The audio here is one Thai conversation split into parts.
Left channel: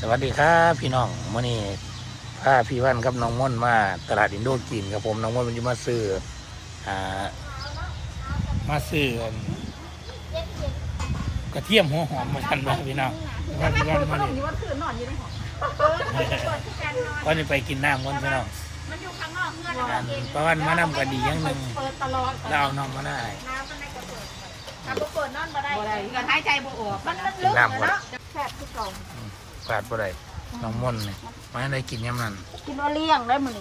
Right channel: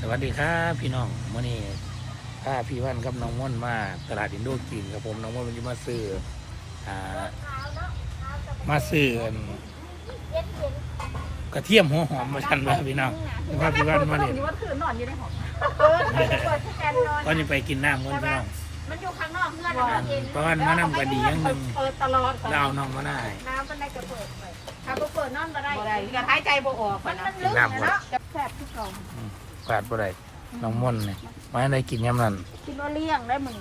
สวัสดีครับพี่น้องมื่อนี้พาพี่วันกับน้องม่อนมาตลาดอินโดจีนครับผมน้องม่อนมันจะมาซื้ออ่ามาซื้ออันกระเทียมหัวหอมมาทันบ้าพี่น้องเดี๋ยวพาพี่วันมาเล่นมันคือนอนอยู่ในห้องเออมันเปิดทุกการนอนวันนี้ไปกินน้ำกันพี่น้องมันอยู่ข้างนอกเงื่อนอันประวันมาน้ำก็ดีอย่างหนึ่งเปิดตลอดแล้วเอาน้องมาได้น้ำมันได้ก็เปิดไปถ้าบ่เปิดนอนบ่ได้บ่ได้ก็หายใจบ่ออกมันนะมันลึกนะเนาะแคบที่สอง กาดบ่ได้น้องม่อนเนี่ยมาได้กินยำนั้นคิดว่าเลี้ยงได้มึง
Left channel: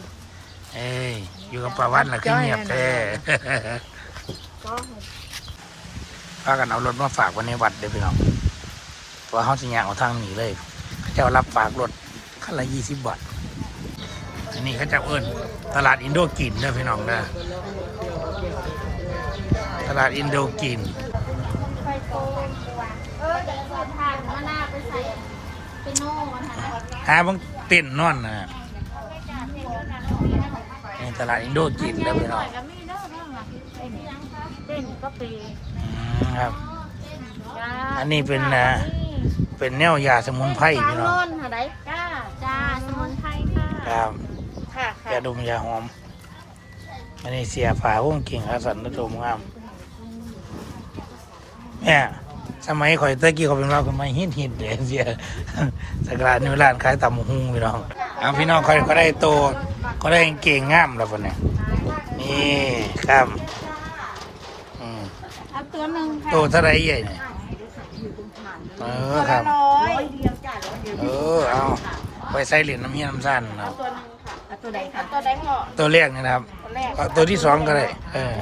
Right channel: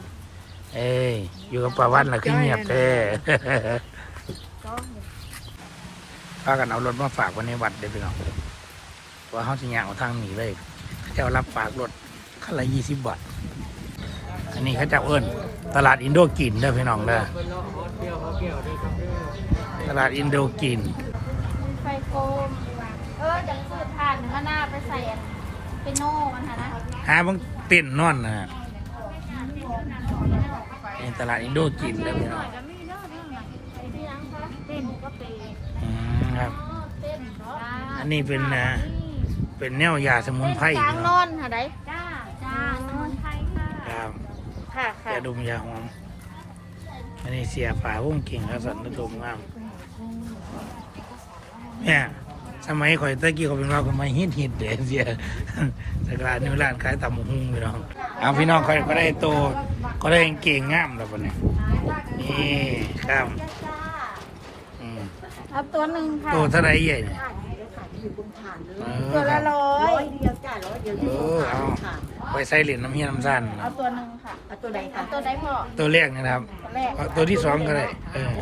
เอ้ยอยู่กับป้าวันล่ะคือเงียบแท้ก็พากันเอารถมาฝากไวันในวัดเด้อพี่น้องเพราะว่าเขาสิยางเอาทางหนีเลยเขาเจ้ารับฝากรถคันละยี่สิบบาทอันนี้เขาเจ้าเอิ้นตลาดอินโดกินเด้อพี่น้องเด้อตลาดอินโดกิน ไข่โกงเออเดี๋ยวใส่ถ่านมะนาวไปใส่ปิโน่มัน หาบางเต้นนอนนะนี่ตลาดอินโดกินเด้อพี่น้องแล้วมีเด้องครับ อันนี้เป็นอ่าเป็นแนวยาสมุนไพรพี่น้องครับยาดมยาหอม อันนี้เสียฝาหุ้งกิ่งอาสันนดมงามเนี่ยสมัยข่อยตะกี้เขาเป็นว่าสมัยฮิตฮิตเดเสีย สกรานิวร้านขายตำบักหุ่งพี่น้องเอาพี่น้องข่อยก็ได้โตก็ได้เก่งงามแล้วคนนี้นี่ครับอืมเอาตัวหนึ่งค่ะโตเท่าไรใหญ่เนี่ย อยู่ตรงผ่านเลยเอตัอวคละรับร้อร้อยยเดียวจ่ายร้อยเดียวเออเอาไปใส่เหรียญน้ำเฮียน้ำสั้นเอาเนาะตัวหนึ่งค่ะเอาตัวใดเอาคะตัวได้พอตัวแรกนี่นะครับตัวแรกเอาตัวที่สองก็ได้ เออ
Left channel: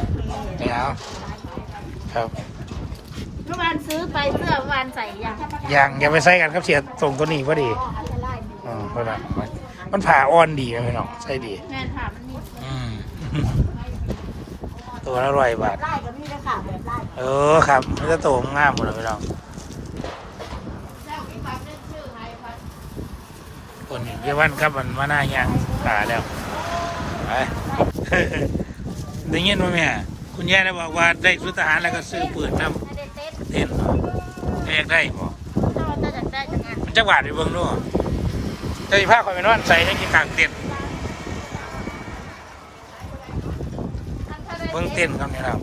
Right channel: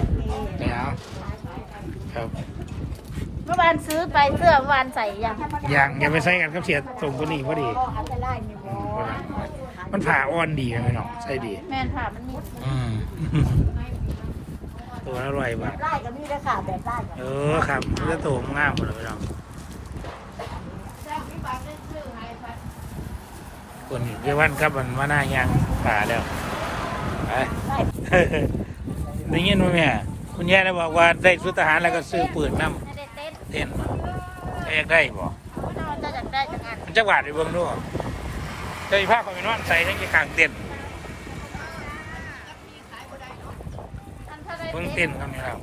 ไม่เอาครับ เมื่อวานซื้อไปเสื้อเมื่อวานใส่ยังอย่างอย่าไปใส่กันครับเสียส่งตัวนี้พอดีอืมพอดีมันผ่าอ่อนดีนะพี่น้องใส่ดี แม่นค่ะมันนี่อืม ตัวละร้อยบาท ไล่ก็มีนะค่ะแบบไล่เออครับมันจะโตงามหมดเลยพี่น้องคนอยู่เรียกวันครับมันมาหน้ายางขาแล้วไป ได้ยินไหมแม่คุณย่าได้บอกว่าได้สุทหารแล้วก็ซื้อปืนน้ให้ได้เต้นำ เต้นเหรอเรียกได้บ่ถ้าเราจะอยากได้จากงานมันจักบาทไปเบิ่งดูเจ้าสิพาคอยไปนอนใส่ยังจะกลางเต้นท์อันถ้าได้เบิ่งเต้นท์ครับนี่ครับ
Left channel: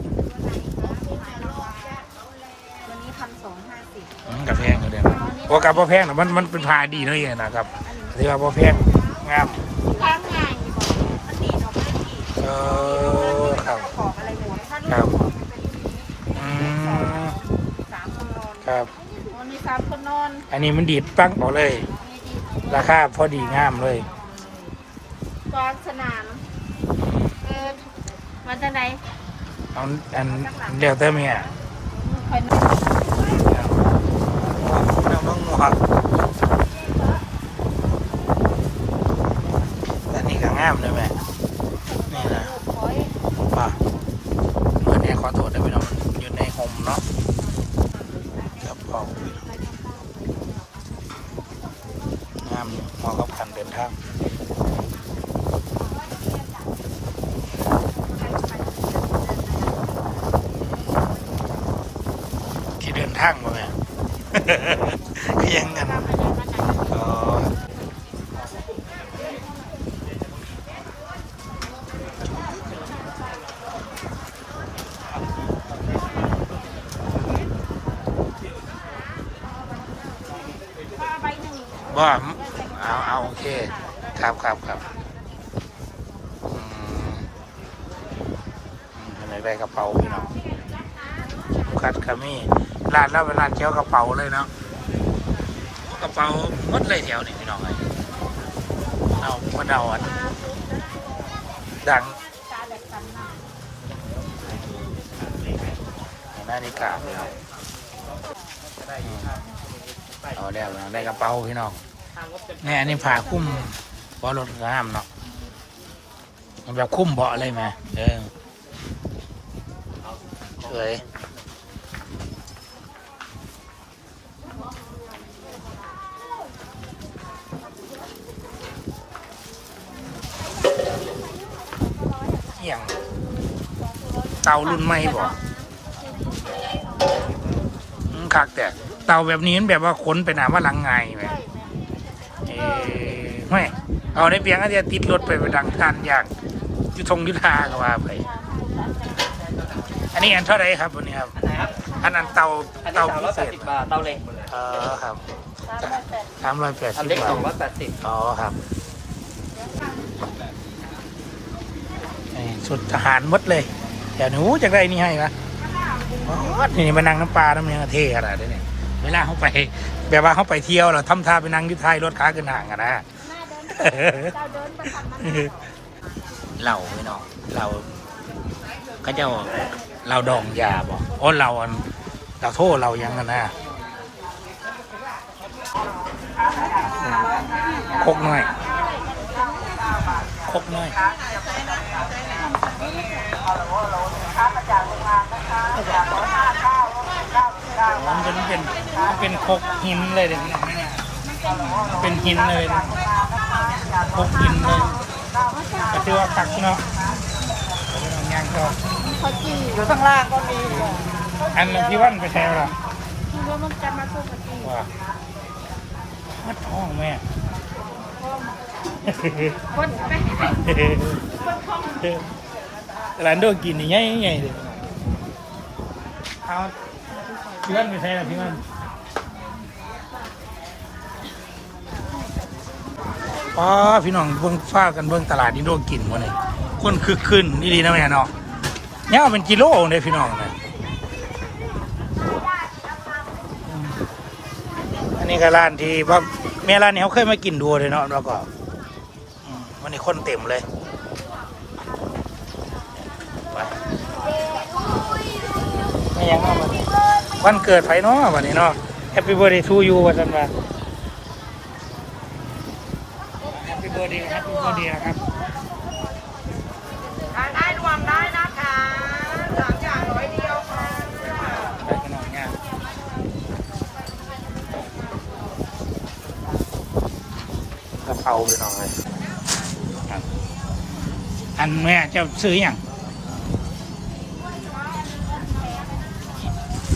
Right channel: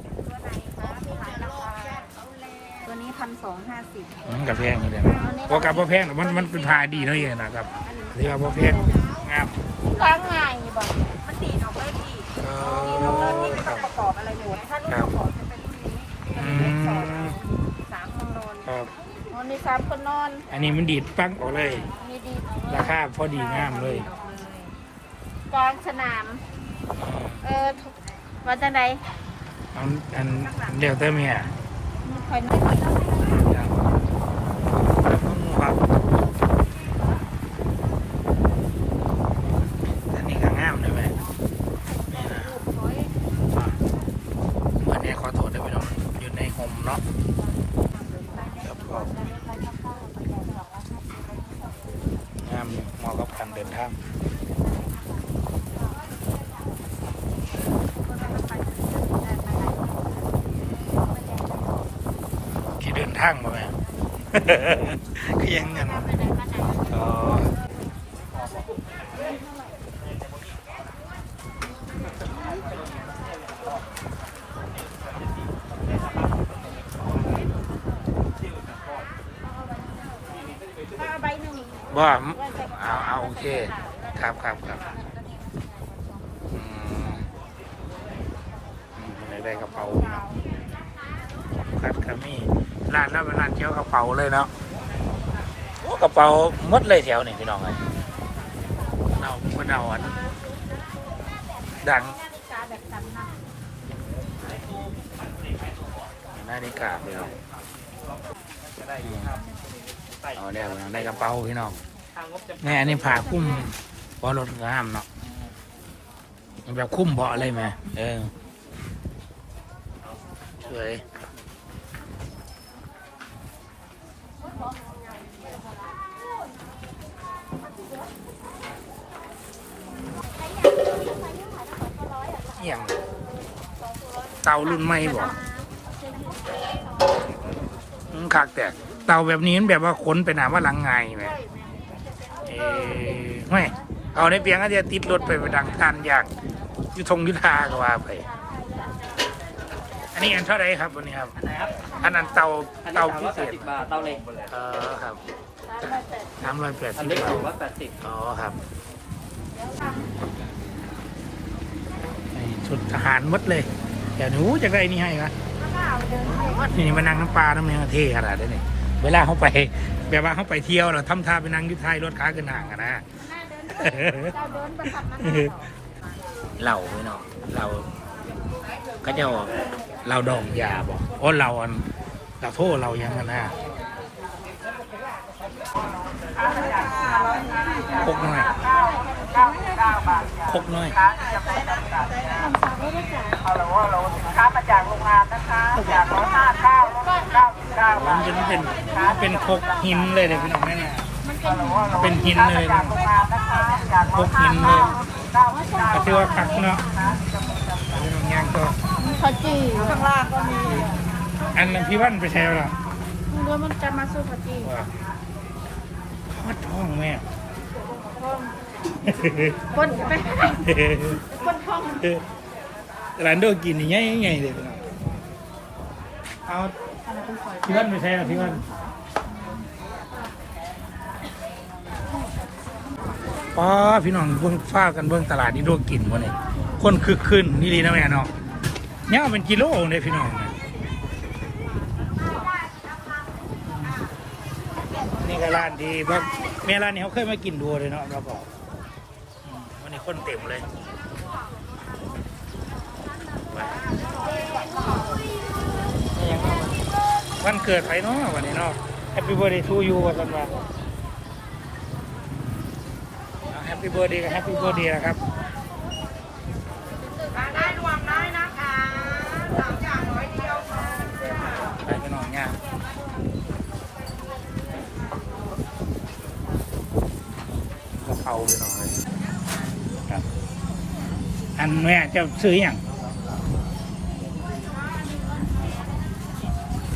ตัวนี้พันสองห้าสิบอืมกับแพงอยู่เด้นะโอ้กับบ่แพงนะมันมันเป็นพาดีเนาะเองนะครับถือว่าบ่แพงงามวางไงบ่มันดีเนาะไม่ดีเออครับ ประกอบอะไรหมดถ้าครับประกอบจะเป็นอืมสาม คนนอนครับ มันมีสามคนนอนอันนี้มันดีดปังออกเลย มีดีราคาพอดีงามเลย กลางสนามอืมเออวันจันใดเอาอันเดี๋ยวเติมเนี่ยคอยนอน ครับเอาต้องหมวกแต่นี่ก็งามเลยแม่นี่นะว่าเพื่อนแอร์ขอโทษนะพี่น้องมันอยู่ในโฮมเนาะกับเขางามอยู่ เหมาะกับการเดินทางที่เดินทางมาแม่ก็ยังเงินอ๋อก็เอาใบหนึ่งบ่ เอาเอาโอเค ครับครับครับอืมอืมอะไรได้กระเป๋าพี่น้องคัดกามี่ร้านแล้วเป็นร้านเกี่ยวกระเป๋าเลยเนาะโอ้กระเป๋ามดเลยแถวนี่พี่น้องเลยเอามื่อเดาอันดังนนะหน้าฬิกาพี่น้องเอาแล้วพี่น้องได้กระเป๋าพี่น้อง เนี่ยอันนี้ผ่าคุ้มเบารถงามเนาะมันแบบคุ้มเบาะเลยไหมเออสวยอย่างเตารุ่นใหม่บ่อืมคักแต่เตาแบบนี้มันแบบว่าขนไปหนาว่าหลังไงไหม ไม่เอาในเปียงก็จะติดรถไปไปดังทานอย่างอยุทงยุทธาก็ว่าไป อันนี้อันเท่าไหรครับวันนี้ครับไหนครับอันนั้นเตาอันนี้เตาสามพิร้อยเศแปดษสิบบาทเตาเหล็กเออครับสามร้อยแปดสามร้อยแปดอันสิบเล็กบาทร้อยแปดสิบอ๋อครับนี่สุดทหารหมดเลยเดี๋ยวหนูจะได้นี่ให้นะวัดนี่มานั่งน้ำปลาน้ำเนื้อเท่ขนาดนี้เนี่ยเวลาเขาไป แบบว่าเขาไปเที่ยวเราทำท่าไปนั่งอยุทธายรถค้ากันห่างกันนะแม่ เดินเจ้าเดินไปทำมันหน้าเหรอเหล่าไปเนาะเราก็จะเราดองยาบอกโอ้เราอันเราโทษเรายังกันนะคกหน่อยคกหน่อยโอ้มันเป็นเป็นมันเป็นคกหินเลยเด็กพี่น้องแม่เนี่ย มันเป็นหิน เป็นหินเลยพี่น้อง คกหินเลยก็คือว่าคักเนาะเอาพี่น้องย่างก็มีขจีอยู่ข้างล่างก็มีอันนั้นที่วันไปแถวละเดี๋ยวมันจะมาสู้ขจีว่าทอดท้องแม่พ่อคนจะไปคนท้องร้านโดกินนี่ง่ายง่ายเลยพี่น้องเอาพี่วันไปแถวพี่วัน อ๋อพี่น้องเบิ่งฟ้ากันเบิ่งตลาดนี่โดกินวะเนี่ยคนคึกขึ้นนี่ดีนะแม่เนาะเนี่ยเป็นกิโลเลยพี่น้องเนะอันนี้ก็ร้านที่ว่าแม่ร้านนี้เขาเคยมากินดูเลยเนาะแล้วก็มวันนี้คนเต็มเลยไปไม่ยังวันเกิดไผเนาะวันนี้เนาะ Happy birthday to you วันนั้นมา ปปี้เบ t ร์ a เดย์แฮปปี้เบ t ร์ a เดย์นะครับได้รวมได้นะคะสามอย่างร้อยเดียวค่ะไปกันหน่อยเนี่ยกระเพราไปหน่อยครับอันแม่จะซื้ออย่าง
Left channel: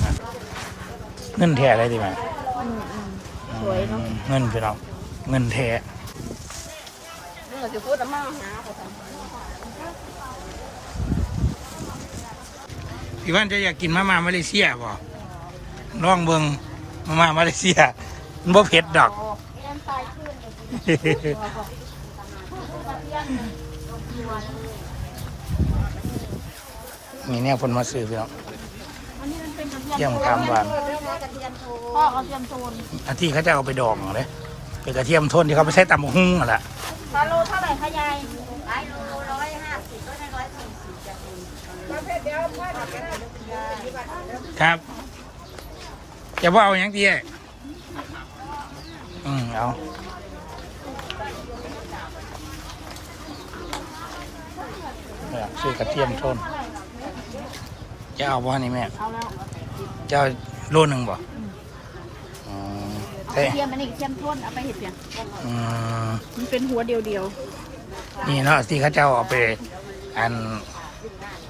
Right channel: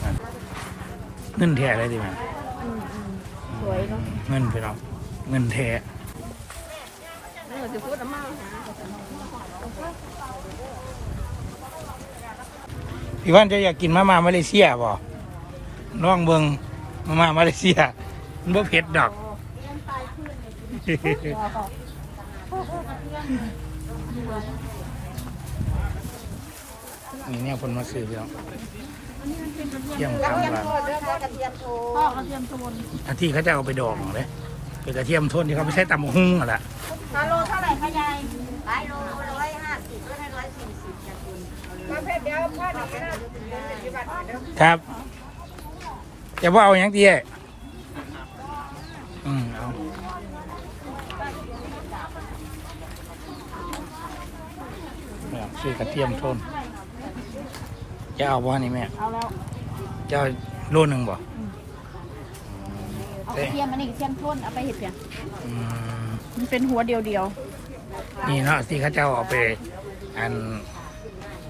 ครับเงินแท้ได้ดีไหมสวยเนาะเงินพี่น้องเงินแท้ ไม่อยากจะพูดอะไรมากนะ พี่ว่านจะอยากกินมาม่ามาเลเซียบ่ลองเบิงมาม่ามาเลเซียมันบ่เผ็ดดอกยันตายขึ้นเลยทีมีเนี่ยคนมาซื้อพี่น้องอันนี้มันเป็นกระเยี่ยมคำหวานกระเทียมโทพ่อกระเทียมโทนอันที่เขาจะเอาไปดองเลยเป็นกระเทียมโทนที่เขาไม่ใช้ตำบักหุ่งอะแหละตาโลเท่าไหร่คะยายหลายโลร้อยห้าสิบลดให้ร้อยสี่สิบจ้ะ คุณเอาเลยเดี๋ยวเดี๋ยวเดี๋ยวเป็นยาครับจะว่าเอาอย่างที่อืมเอาเนี่ยซื้อกระเทียมโทนจะเอาบ่นี่แม่เอาแล้วจะเอาโลหนึ่งบ่อืมเอาใช่กระเทียมอันนี้กระเทียมโทนเอาไปเห็ดเพียงอืมมันเป็นหัวเดียวเดียวนี่เนาะที่เขาเจ้าเอาไปอัน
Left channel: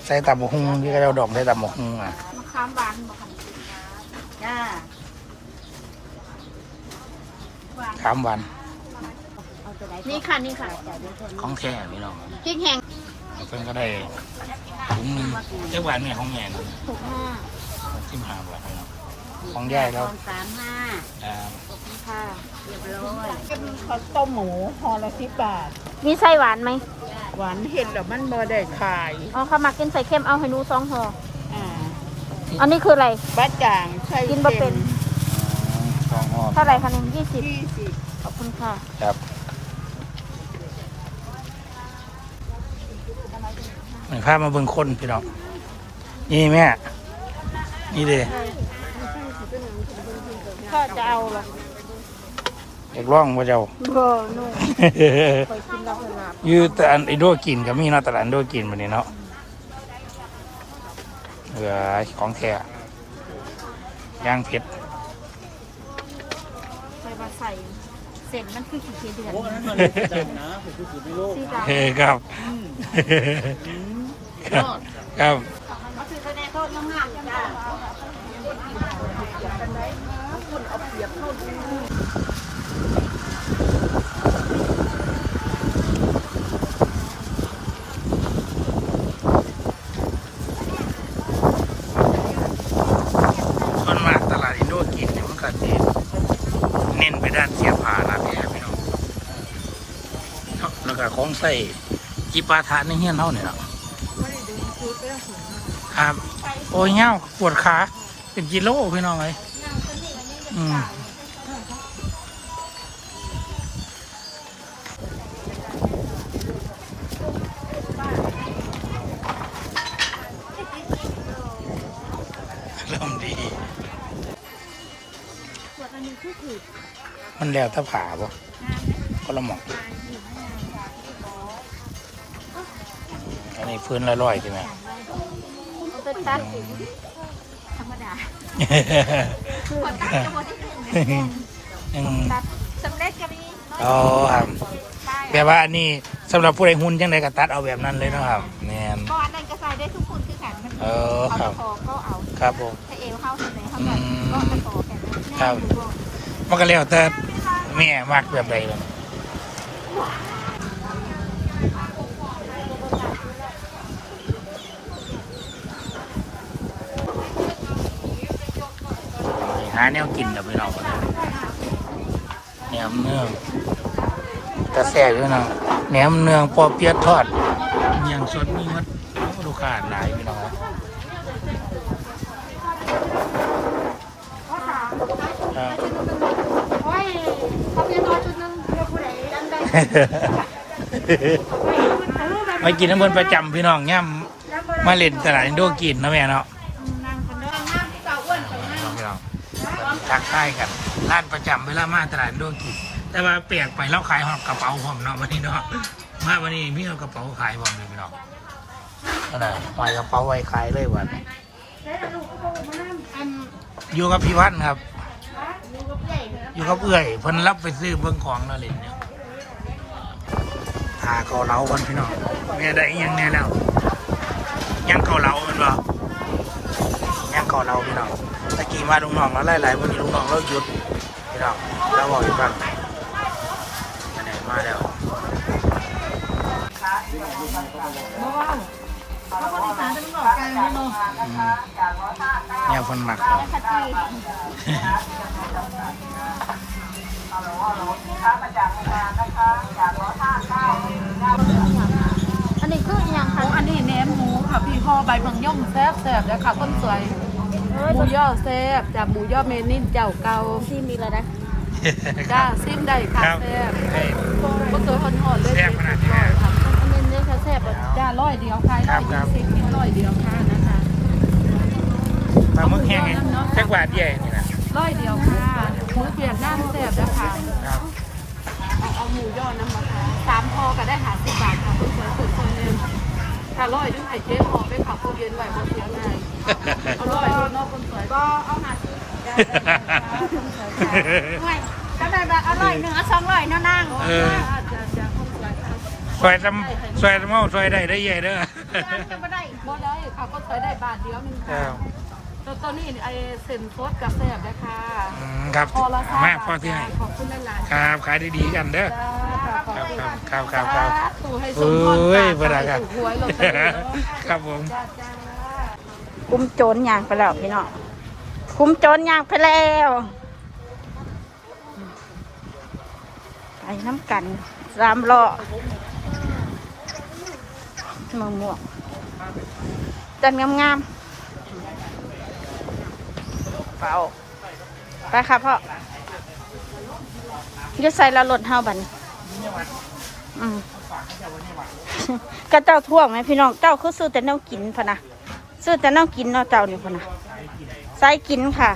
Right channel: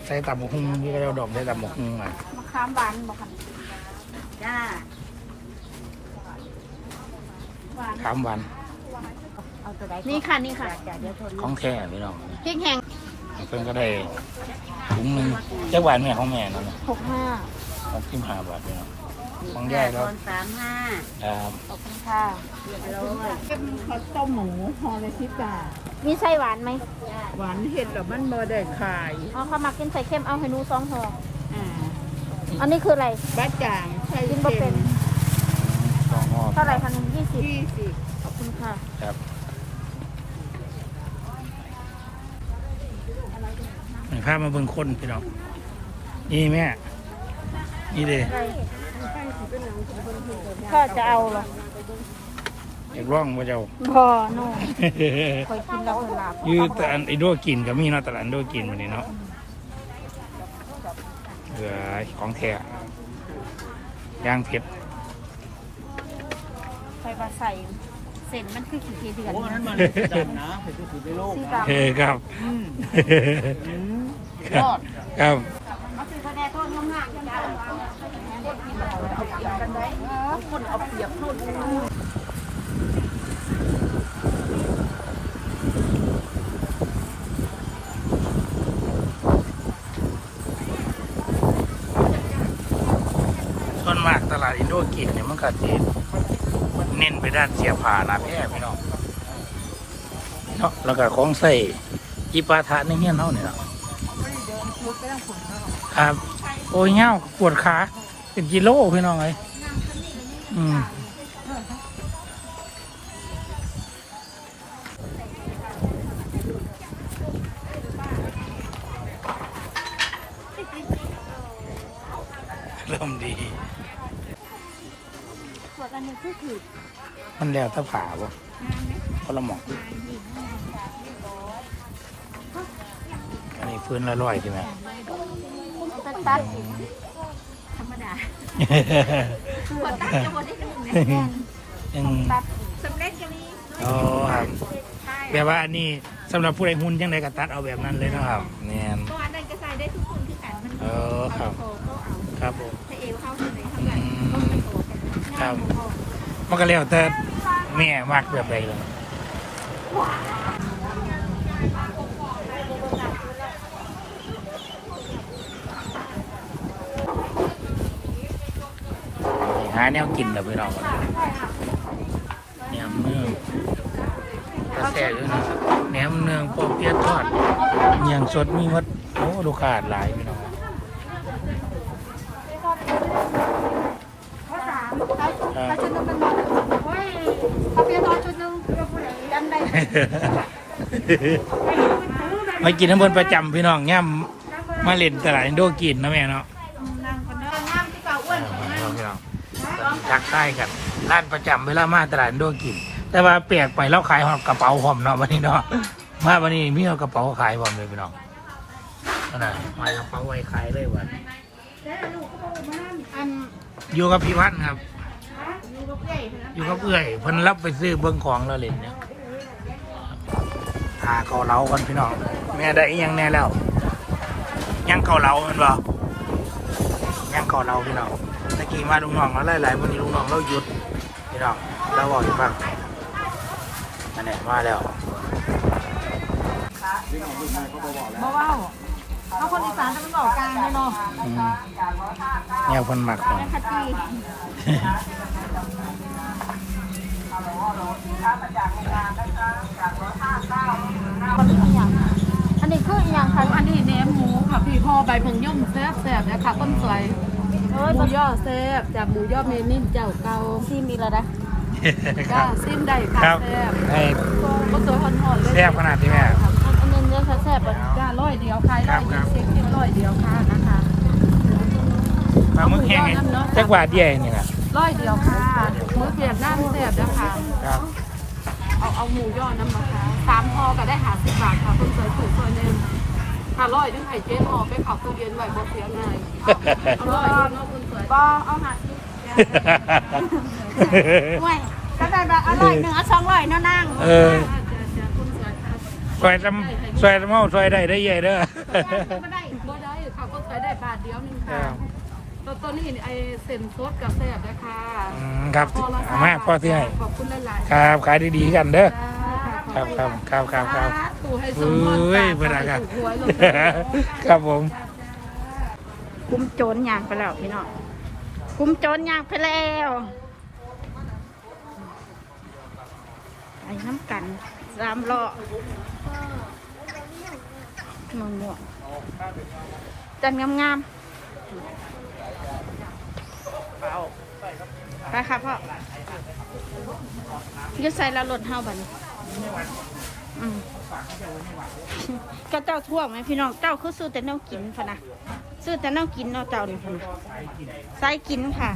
ใส่ตำบักหุ่งที่เขาเจ้าดองใส่ตำบักหุ่งอะมะขามหวานบ่คันจ้าหวานสามวันนี่ค่ะนี่ค่ะของแท้พี่น้องพริกแห้งเพิ่นก็ได้ถุงหนึ่งจักบาทแม่ของแม่นั่นนะหกห้าหกสิบห้าบาทพี่น้องของยายแล้วตอนสามห้าอ่าขอบคุณค่ะเรียบร้อยเป็นข้าวต้มหมูห่อละสิบบาท มีไส้หวานไหม หวานเห็ดแล้วมันบ่ได้ขายอ๋อข้าวหมักกินใส่เค็มเอาให้หนูสองห่ออ่าอันนี้คืออะไร บ้าจ่างไข่กินบ่เป็นอืมสองห่อเท่าไหร่คะหนึ่งยี่สิบยี่สิบขอบคุณค่ะครับเหมือนพามาเบิ่งคนพี่น้องนี่แม่ นี่เด้ถ้าจะเอาอยากร้องว่าเจ้าพอเนาะอยื แต่อันไอโดกินก็มีเนาะตลาดโดกินมันนี่เนาะเหลือของแท้ย่างเผ็ดใส่มาใส่เส้นมันคือขี้เกียจเดือนสีดำเฮ้ครับครับครับเอาคือคะแนนโทษงามๆจ้า อ ว ก็จะเน้นไปด้านเสียผ่านาแพ้พี่น้องเนาะแล้วก็ของใส่จีปาทะในเฮียนเท่าเนี่ยเนาะไม่ได้เดินชุดก็ต้องขนเนาะครับ โอ้ยเงาปวดขา เป็นกิโลพี่น้องเลยอืม ส่วนอันนี้คือถือมันแล้วถ้าผ่าบ่งานนะก็ละหมองงานอยู่งานอันนี้พื้นละร้อยใช่ไหมจ่ายไม่ดีเอาไปตัดสิธรรมดาขอตัดจะหมดที่หนึ่งเลยแม่นอืมตัดสำเร็จก็มีอ๋อครับแปลว่าอันนี้สำหรับผู้ใดหุ่นจังไดก็ตัดเอาแบบนั้นเลยเนาะครับแม่นเพราะอันนั้นก็ใส่ได้ทุกคนคือกันเออครับ เอาก็เอาครับผมถ้าเอวเข้าเสนอเข้ากันก็เอาต่อ ครับมันก็แล้วแต่แม่มักแบบใดเลยหาแนวกินเดี๋ยวไปลองกันแหนมเนื้อกระแสอยู่นาะแหนมเนื้อปอเปี๊ยะทอดเมียงสดมีมัดโอ้ลูกค้าหลายพี่น้อง ครับครับโอ้ยเขาเรียนน้อยชุดนึงเพื่อผู้ใดจำได้มากินน้ำเบินประจำพี่น้องย่ำมาเล่นตลาดอินโดกินเนาะแม่เนาะนางคนเดิมน้ำที่เก่าอ้วนกับพี่นางน้องพี่น้องทักทายกันร้านประจำเวลามาตลาดอินโดกิน แต่ว่าเปลี่ยนไปแล้วขายหอบกระเป๋าหอมเนาะวันนี้เนาะมาวันนี้มีเอากระเป๋าขายหอมเลยพี่น้องนั่นน่ะปล่อยกระเป๋าไว้ขายเลยวันอันอยู่กับพี่พันธุ์ครับ อยู่กับใหญ่เพื่อนอยู่กับเอื้อยเพิ่นรับไปซื้อเบิ้งของแล้วเล่นเนี่ยหาเกาเหลากันพี่น้องแม่ได้อิหยังแน่แล้วยังเกาเหลาแมันบ่ยังเกาเหลาพี่น้องตะกี้มาลุงน้องแล้วหลายๆวันนี้ลุงน้องเราหยุดพี่น้องเราบอกให้ฟังอันไหนมาแล้ว บ่ว้าวถ้าคนอีสานจะมันออกกลางเนาะอืมแนวคนหมักเนาะคัตตี้อันนี้คืออีหยังคะอันนี้แหนมหมูค่ะพี่ห่อใบเพิงย่อมแซ่บแซ่บๆนะคะคนสวยหมูย่อแซ่บจากหมูย่อเมนิ่นเจ้าเก่าซีมีแล้วนะจ้าซิมได้ค่ะครับแซ่บให้ก็ตัวหอนๆเลย แซ่บขนาด อยเดียวขายครัร้อบยครัยี่บ สิบกินร้อยเดียวค่ะนะคะปลาหมึกแห้งไงจักบาทเดียวเองนี่นะร้อยเดียวค่ะหมูเปียกน้ำแซ่บนะคะ ครับเอาเอาหมูย่อน้ำมะพร้าวสามพอก็ได้หาสิบบาทค่ะคนสวยถือซอยเนมค่ะร้อยดึงไข่เจ๊หอไปเข่าตู้เย็นไว้บ่เสียง่ายเอาร้อยเนาะคนสวยบอเอาหาซีห่วยก็ได้แบบอร่อยหนึ่งเอาสองร้อยเนาะนางเออ จ้าจ้าคนสวยค่ะ ซอยทำซอยทำเมาซอยได้ได้ใหญ่เด้อจะไม่ได้บ่ได้ค่ะก็ใส่ได้บาทเดียวหนึงครัค่ะบตัวตัวนี้ไอเส้นโคตรกาแฟได้ค่ะอืมครับพอละเอามาพ่อที่ให้ขอบคุณหลายๆครับขายดีๆกันเด้อจ้าค่ะครับครับครับครับครับตู่ให้สเอ้มบูรณ์ยพนักงานถูกหวยเลยครับผมคุ้มโจรย่างไปแล้วพี่น้องคุ้มโจรย่างไปแล้วไปน้ำกันสามล้อ มะม่วงจันงามๆเปล่าไปค่ะพ่ออยุใส่ละรถเฮาบัดนอืมกระเจ้าท่วงไหมพี่น้อง เจ้าคือซื้อแต่แนวกินพะนะซื้อแต่แนวกินเนาะเจ้านี่พะนะใส่กินค่ะ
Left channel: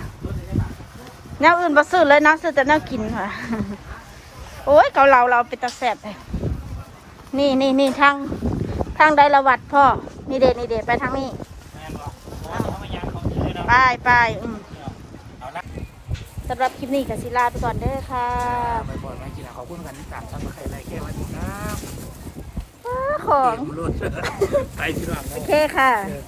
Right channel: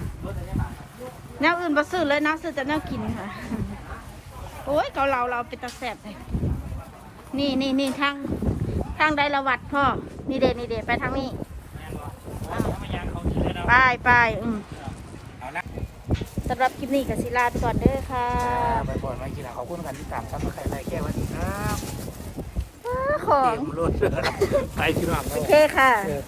แนวอื่นบ่ซื้อเลยนะซื้อแต่แนวกินค่ะ โอ้ยเกาเหลาเราเป็นตาแสบเลยนี่นี่นี่ทาง ทางไดละวัดพ่อนี่เดนี่เดไปทางนี้ไปไปอืมเอาละสำหรับคลิปนี้กับศิลาไปก่อนเด้อค่ะไปก่อนมากินขอบคุณกันที่ตามซ้ำมาใครไรแค่วันนี้ครับอ้าของเตรียมรถไปพี่น้องโอเคค่ะเออ